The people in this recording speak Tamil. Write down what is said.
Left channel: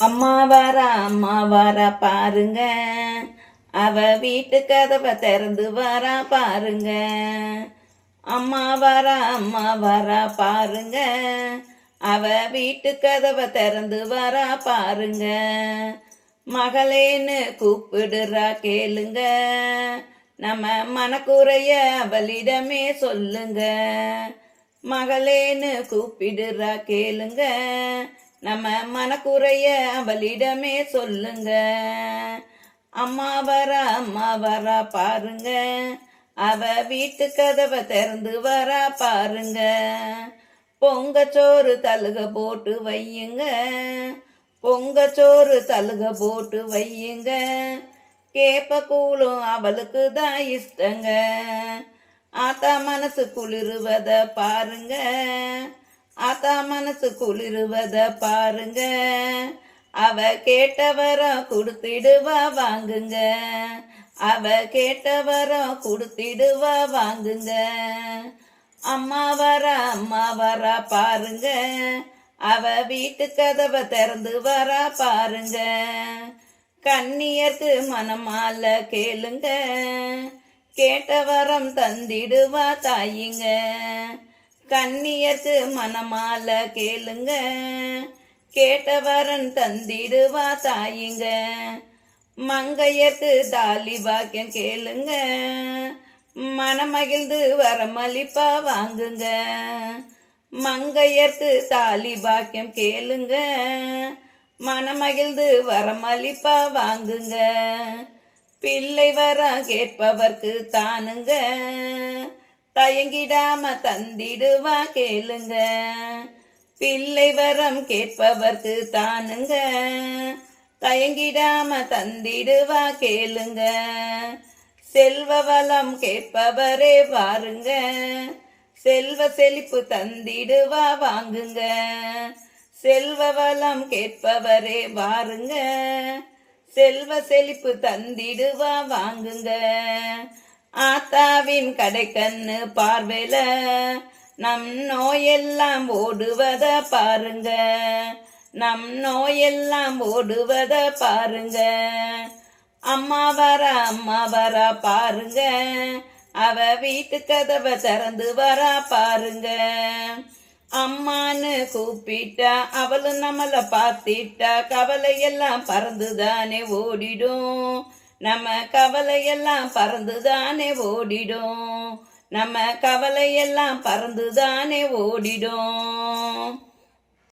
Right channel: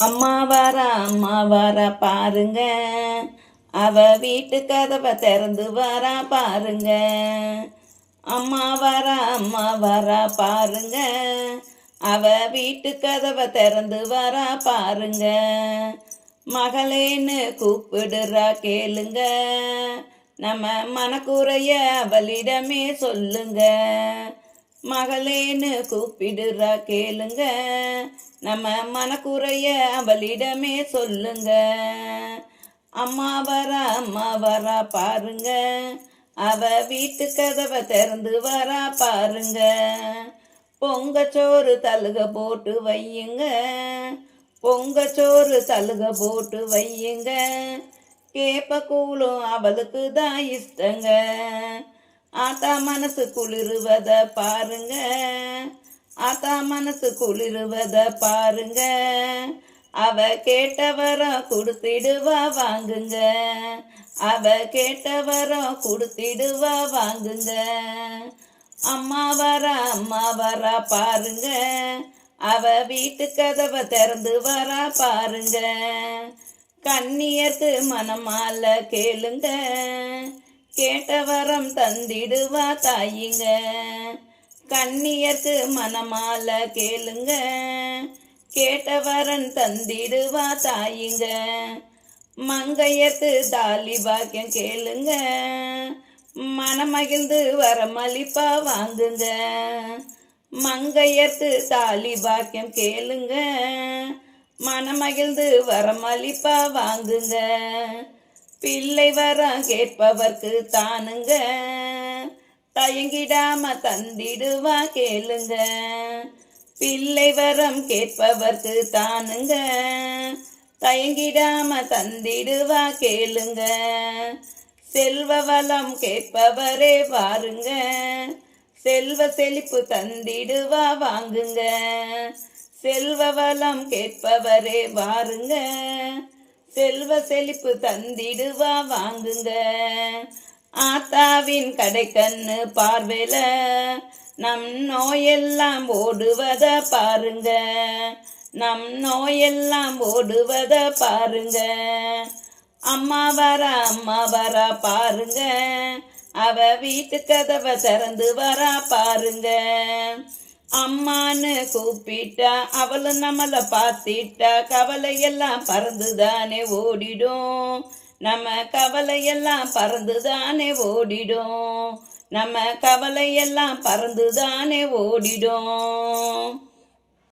அம்மா வர அம்மா வர பாருங்க. அவ வீட்டு கதவை திறந்து வரா பாருங்க. அம்மா வர அம்மா வர பாருங்க. அவ வீட்டு கதவை திறந்து வர பாருங்க. மகளேன்னு கூப்பிடுறா கேளுங்க. நம்ம மனக்குறைய அவளிடமே சொல்லுங்க. மகளேன்னு கூப்பிடுறா கேளுங்க. நம்ம மனக்குறைய அவளிடமே சொல்லுங்க. அம்மா வர அம்மா வரா பாருங்க. அவ வீட்டு கதவை திறந்து வரா பாருங்க. பொங்கச்சோறு தழுக போட்டு வையுங்க. பொங்கச்சோறு தழுக போட்டு வையுங்க. கேப்ப கூழும் அவளுக்கு தான் இஷ்டங்க. ஆத்தா மனசு குளிருவத பாருங்க. ஆத்தா மனசு குளிருவத பாருங்க. அவ கேட்டவரம் கொடுத்திடுவா வாங்குங்க. அவ கேட்ட கொடுத்திடுவா வாங்குங்க. அம்மா வர அம்மா வர பாருங்க. அவ வீட்டு கதவை திறந்து வரா பாருங்க. கண்ணியத்து மனமால கேளுங்க. கேட்ட வரம் தந்திடுவா தாயிங்க. கண்ணியர்க்கு மனமால கேளுங்க. கேட்ட வரன் தந்திடுவா தாயிங்க. மங்கையர்க்கு தாலி பாக்கியம் கேளுங்க. மனமகிழ்ந்து வரமளிப்பா வாங்குங்க. மங்கையர்க்கு தாலி பாக்கியம் கேளுங்க. மனமகிழ்ந்து வரமளிப்பா வாங்குங்க. பிள்ளை வர கேட்பவர்க்கு தானுங்க தயங்கிடாம தந்திடுவா கேளுங்க. பிள்ளை வரம் கேட்பவர்க்கு தானுங்க. தயங்கிடாம தந்திடுவா கேளுங்க. செல்வ வளம் கேட்பவரே வாருங்க. செல்வ செழிப்பு தந்திடுவா வாங்குங்க. செல்வ வளம் கேட்பவரே வாருங்க. செல்வ செழிப்பு தந்திடுவா வாங்குங்க. ஆத்தாவின் கடைக்கண்ணு பார்வையில நம் நோயெல்லாம் ஓடுவத பாருங்க. நம் நோயெல்லாம் ஓடுவத பாருங்க. அம்மா வர அம்மா வர பாருங்க. அவ வீட்டு கதவை திறந்து வரா பாருங்க. அம்மான்னு கூப்பிட்டா அவளும் நம்மளை பார்த்திட்டா கவலையெல்லாம் பறந்துதானே ஓடிடும். நம்ம கவலையெல்லாம் பறந்துதானே ஓடிடும். நம்ம கவலையெல்லாம் பறந்துதானே ஓடிடும்.